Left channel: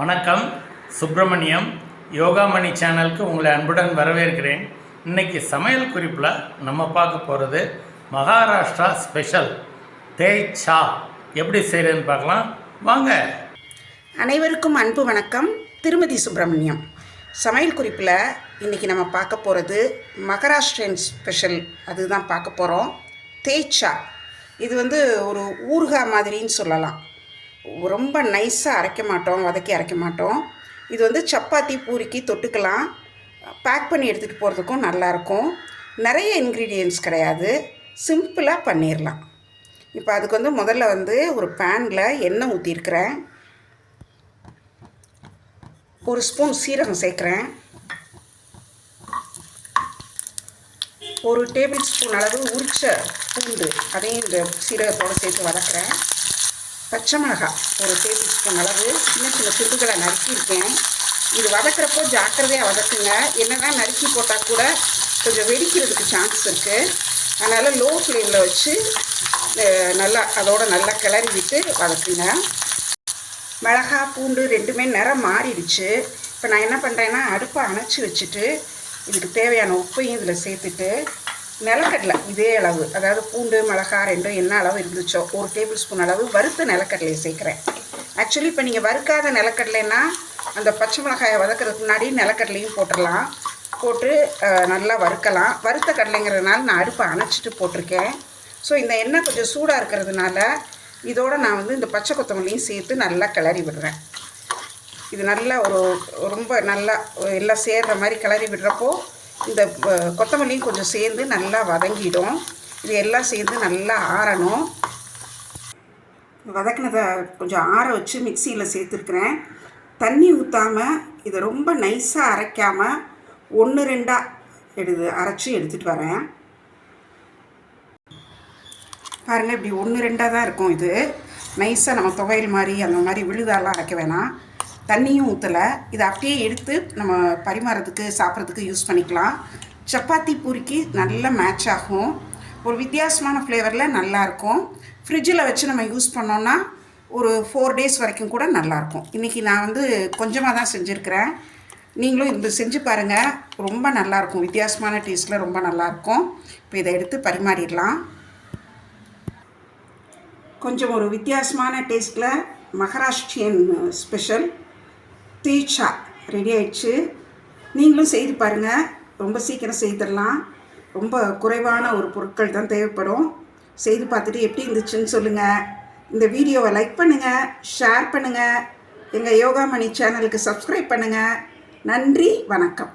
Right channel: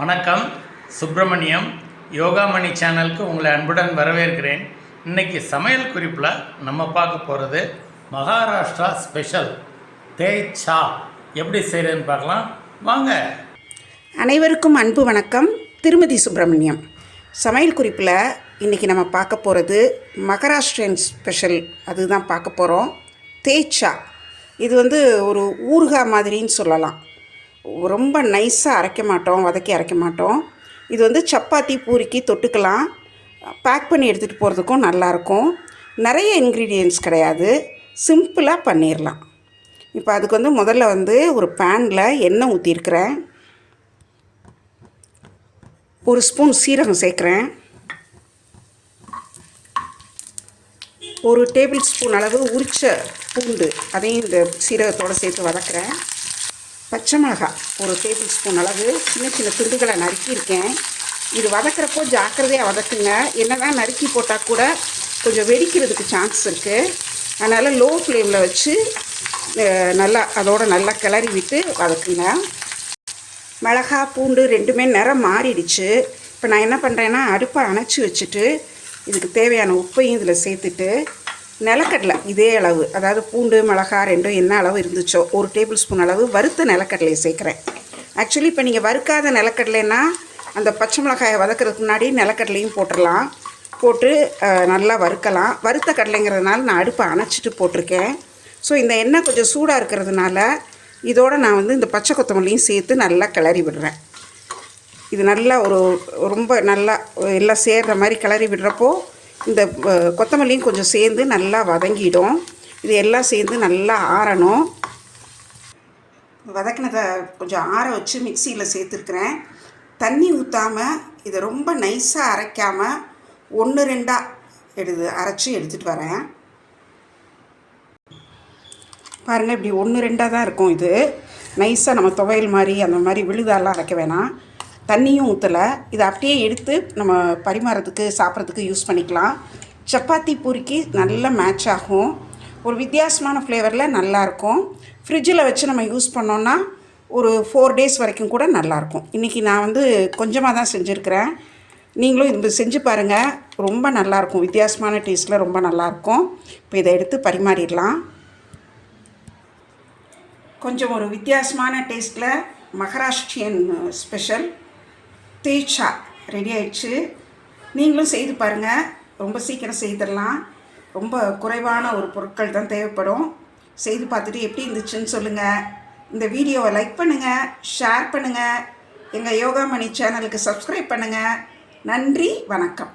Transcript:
வணக்கம். சுப்பிரமணியம் யோகாமணி சேனலுக்கு உங்களை அன்புடன் வரவேற்கிறேன். இன்றைக்கி சமையல் குறிப்பில் நம்ம பார்க்க போகிறது மகாராஷ்டிரா ஸ்பெஷல் தேய்ச்சா எப்படி செய்கிறதுன்னு பார்க்கலாம் வாங்க. அனைவருக்கும் அன்பு வணக்கம். திருமதி சுப்பிரமணியம். சமையல் குறிப்பில் இன்றைக்கி நம்ம பார்க்க போகிறது மகாராஷ்டிரன் ஸ்பெஷல், அதுதான் பார்க்க போகிறோம். தேய்ச்சா. இது ஒரு ஊறுகாய் மாதிரின்னு சொல்லலாம். ரொம்ப நைஸாக அரைக்க மாட்டோம், வதக்கி அரைக்க மாட்டோம். இது சப்பாத்தி பூரிக்கு தொட்டுக்கலாம். பேக் பண்ணி எடுத்துகிட்டு போகிறதுக்கும் நல்லாயிருக்கும். நிறைய இன்க்ரீடியன்ட்ஸ் கிடையாது, சிம்பிளாக பண்ணிடலாம். இப்போ அதுக்கு முதல்ல ஒரு பேனில் எண்ணெய் ஊற்றிருக்கிறேன். ஒரு ஸ்பூன் சீரகம் சேர்க்குறேன். ஒரு டேபிள் ஸ்பூன் அளவு உரிச்ச பூண்டு, அதையும் இந்த சீரகத்தோடு சேர்த்து வதக்குறேன். பச்சை மிளகாய் ஒரு டேபிள் ஸ்பூன் அளவு சின்ன சின்ன துண்டுகளை நறுக்கியிருக்கேன். இது வதக்கிறப்போ ஜாக்கிரதையாக வதக்குங்க. என்னதான் நறுக்கி போட்டால் கூட கொஞ்சம் வெடிக்கிறதுக்கு சான்ஸ் இருக்குது. அதனால் லோ ஃப்ளேமில் வச்சு நல்லா கிளறி விட்டு வதக்குங்க. மிளகா பூண்டு ரெண்டுமே நிறம் மாறிடுச்சு. இப்போ நான் என்ன பண்ணுறேன்னா, அடுப்பை அணைச்சி வச்சுட்டு இதுக்கு தேவையான உப்பையும் இதில் சேர்த்துட்டு நிலக்கடலை இதே அளவு, அதாவது பூண்டு மிளகா ரெண்டும் என்ன அளவு இருந்துச்சோ ஒரு டேபிள் ஸ்பூன் அளவு வறுத்த நிலக்கடலையை சேர்க்குறேன். ஆக்சுவலி இப்போ நீங்கள் வறுக்காத நிலக்கடலைன்னா அந்த பச்சை மிளகாயை வதக்கிறதுக்கு முன்னாடி நிலக்கடலையும் போட்டுடலாம். போட்டு நல்லா வறுக்கலாம். வறுத்த கடலைங்கிறதுனால நான் அடுப்பை அணைச்சிட்டு போட்டிருக்கேன். ஸோ இந்த எண்ணெய் கொஞ்சம் சூடாக இருக்கிறதுனால இதோடு நான் இந்த பச்சை கொத்தமல்லியும் சேர்த்து நல்லா கிளறி விடுறேன். இது நல்லா ரொம்ப நல்லா எல்லாம் சேர்கிற மாதிரி கிளறி விடுறப்போ இந்த கொத்தமல்லியும் கொஞ்சம் சேர்ந்து நல்லா வதங்கிடும். இது எல்லாம் சேர்ந்து நல்லா ஆறணும். வதக்கினதை கொஞ்சம் ஆற வச்சு மிக்சியில் சேர்த்துருக்குறேன். தண்ணி ஊற்றாமல் இதை ரொம்ப நைஸாக அரைக்காமல் 1-2 அரைச்சி எடுத்துகிட்டு வரேன். பாருங்கள், இப்படி 1-2 தான் இருக்கும். இது நைஸாக நம்ம துவையல் மாதிரி அந்த மாதிரி விழுதாலாம் அரைக்க வேணாம். தண்ணியும் ஊற்றலை. இதை அப்படியே எடுத்து நம்ம பரிமாறத்துக்கு சாப்பிட்றதுக்கு யூஸ் பண்ணிக்கலாம். சப்பாத்தி பூரிக்கு நல்லா மேட்ச் ஆகும். ஒரு வித்தியாசமான ஃப்ளேவரில் நல்லாயிருக்கும். ஃப்ரிட்ஜில் வச்சு நம்ம யூஸ் பண்ணோன்னா ஒரு 4 days வரைக்கும் கூட நல்லாயிருக்கும். இன்றைக்கி நான் கொஞ்சமாக தான் செஞ்சுருக்கிறேன். நீங்களும் இது செஞ்சு பாருங்கள், ரொம்ப நல்லாயிருக்கும். வித்தியாசமான டேஸ்ட்டில் ரொம்ப நல்லாயிருக்கும். இப்போ இதை எடுத்து பரிமாறிடலாம். கொஞ்சம் ஒரு வித்தியாசமான டேஸ்ட்டில் மகாராஷ்டிரியன் ஸ்பெஷல் தேய்ச்சா ரெடி ஆயிடுச்சு. நீங்களும் செய்து பாருங்கள். ரொம்ப சீக்கிரம் செய்திடலாம். ரொம்ப குறைவான ஒரு பொருட்கள் தான் தேவைப்படும். செய்து பார்த்துட்டு எப்படி இருந்துச்சுன்னு சொல்லுங்கள். இந்த வீடியோவை லைக் பண்ணுங்கள், ஷேர் பண்ணுங்கள். எங்கள் யோகாமணி சேனலுக்கு சப்ஸ்கிரைப் பண்ணுங்கள். நன்றி, வணக்கம்.